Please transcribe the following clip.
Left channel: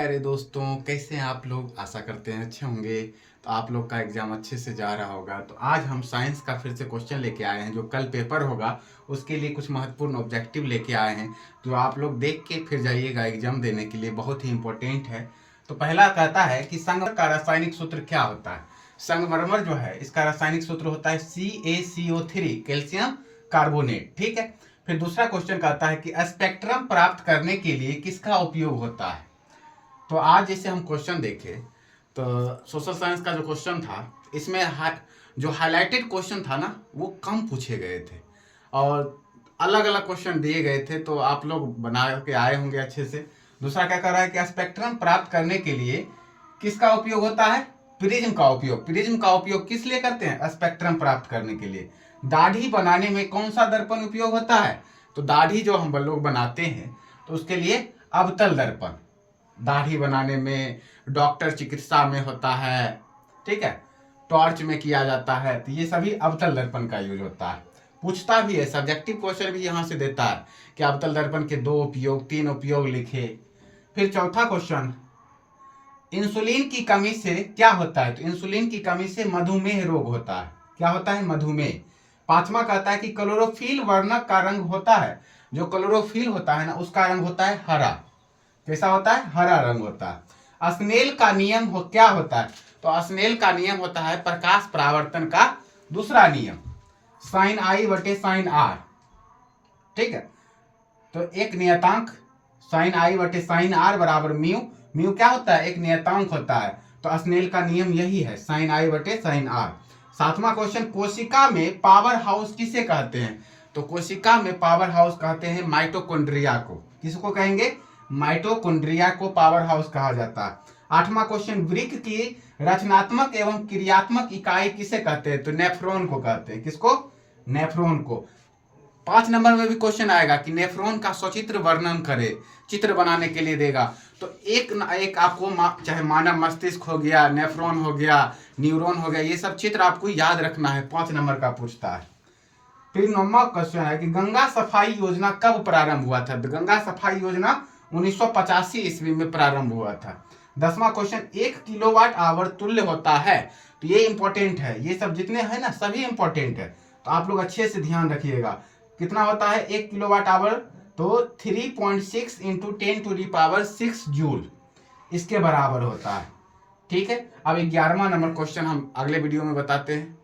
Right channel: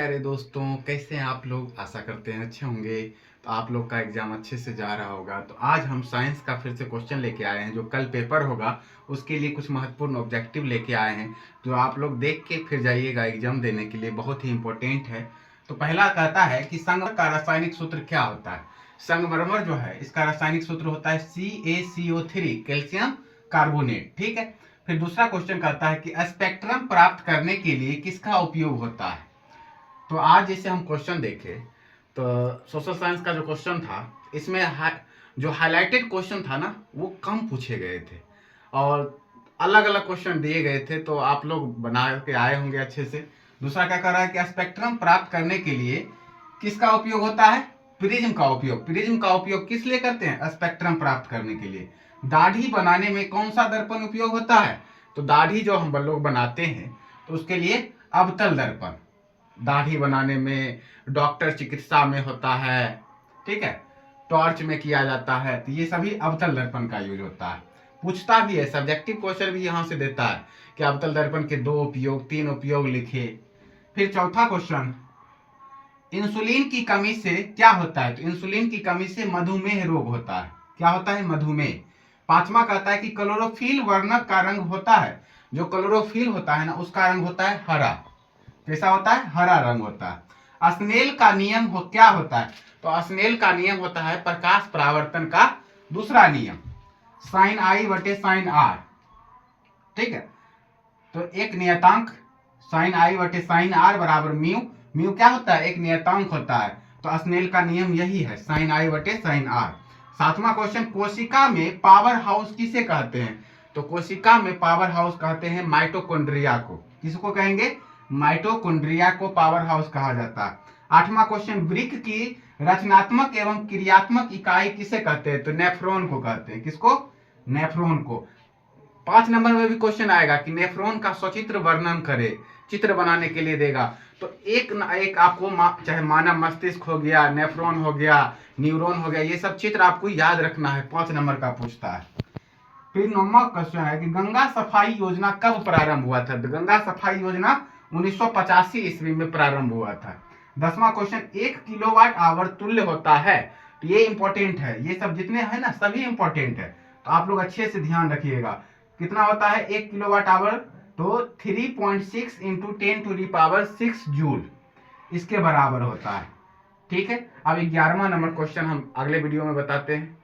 अरे दोस्तों, कैसे हैं आप लोग। आशा करते हैं अच्छे होंगे। तो आप लोग का एग्जाम अच्छे से जा रहा होगा। तो आज हम साइंस का फिर से क्वेश्चन लेके आए हैं। जो कल पेपर होगा उसके लिए कुछ महत्वपूर्ण ऑब्जेक्टिव लेके आए हैं, जो आप लोग देख के फिर जाइएगा एग्जाम देने के लिए। बहुत ही इंपॉर्टेंट है। तो पहला कहता है कि संगमरमर का रासायनिक सूत्र क्या होता है। संगमरमर जो है इसका रासायनिक सूत्र होता है CaCO3, कैल्शियम कार्बोनेट। ठीक है। फिर दूसरा क्वेश्चन कहता है कि स्पेक्ट्रम प्राप्त करने के लिए किसका उपयोग होता है। तो आज जैसे हम क्वेश्चन देखें तो सोशल साइंस का जो क्वेश्चन था इसमें जो हाईलाइटेड क्वेश्चन था ना वो कम पूछे गए थे और अलग अलग क्वेश्चन दिए गए थे। तो आप लोग बना के आए होंगे अच्छे से। दूसरा क्या कर रहा है कि स्पेक्ट्रम प्राप्त करने के लिए किसका उपयोग होता है। प्रिज्म का उपयोग। प्रिज्म का उपयोग किस लिए करते हैं। स्पेक्ट्रम प्राप्त करने के लिए। दाढ़ी बनाने में कौन सा दर्पण उपयोग होता है। तो दाढ़ी जो हम लोग बनाते हैं तो उसके लिए अवतल दर्पण। दाढ़ी बनाने में, डॉक्टर चिकित्सा में होता है, ठीक है, टॉर्च में किया जाता है। तो ये सभी अवतल दर्पण का यूज होता है। पूछता भी है, सब्जेक्टिव क्वेश्चन भी यहाँ से देता है कि अवतल दर्पण के 2 उपयोग 3 उपयोग लिखे। फिर चौथा क्वेश्चन, इंसुलिन की कमी से क्या होता है। तो इंसुलिन की कमी से मधुमेह रोग होता है। क्या होता है। मधुमेह। पांचवा कहता है कि क्लोरोफिल वर्णक का रंग होता है। जो क्लोरोफिल होता है ना उसका रंग होता है हरा। कैसा होता है। हरा रंग होता है। स्नेल का नियम क्या होता है। तो स्नेल का नियम होता है प्रकाश परावर्तन का दूसरा नियम, साइन आई बटे साइन आर। ठीक है। तो एक नियतांक साइन आई बटे साइन आर बराबर म्यू। म्यू क्या होता है। एक नियतांक होता है। तो स्नेल का नियम यही है, साइन आई बटे साइन आर। सातवां क्वेश्चन, कोशिका में पावर हाउस किसे कहते हैं। तो कोशिका में पावर हाउस कहते हैं माइटोकॉन्ड्रिया को। किसको कहेंगे। माइटोकॉन्ड्रिया को पावर हाउस कहा जाता है। आठवां क्वेश्चन, वृक्क की रचनात्मक एवं क्रियात्मक इकाई किसे कहते हैं। तो नेफ्रॉन को कहते हैं। किसको। नेफ्रॉन को। 5 नंबर में भी क्वेश्चन आएगा कि नेफ्रॉन का सचित्र वर्णन करे। चित्र बनाने के लिए देगा। तो एक न एक आपको चाहे मानव मस्तिष्क हो गया, नेफ्रॉन हो गया, न्यूरॉन हो गया, ये सब चित्र आपको याद रखना है। 5 नंबर का पूछता है। फिर 9वां क्वेश्चन है कि गंगा सफाई योजना कब प्रारंभ हुआ था। तो गंगा सफाई योजना 1985 ईस्वी में प्रारंभ हुआ था। 10वां क्वेश्चन, 1 किलोवाट आवर तुल्य होता है। तो ये इंपॉर्टेंट है। ये सब जितने हैं ना सभी इंपॉर्टेंट है। तो आप लोग अच्छे से ध्यान रखिएगा। कितना होता है 1 किलोवाट आवर। तो 3.6 इंटू 10⁻6 जूल इसके बराबर होता है। ठीक है। अब 11वां नंबर क्वेश्चन हम अगले वीडियो में बताते हैं।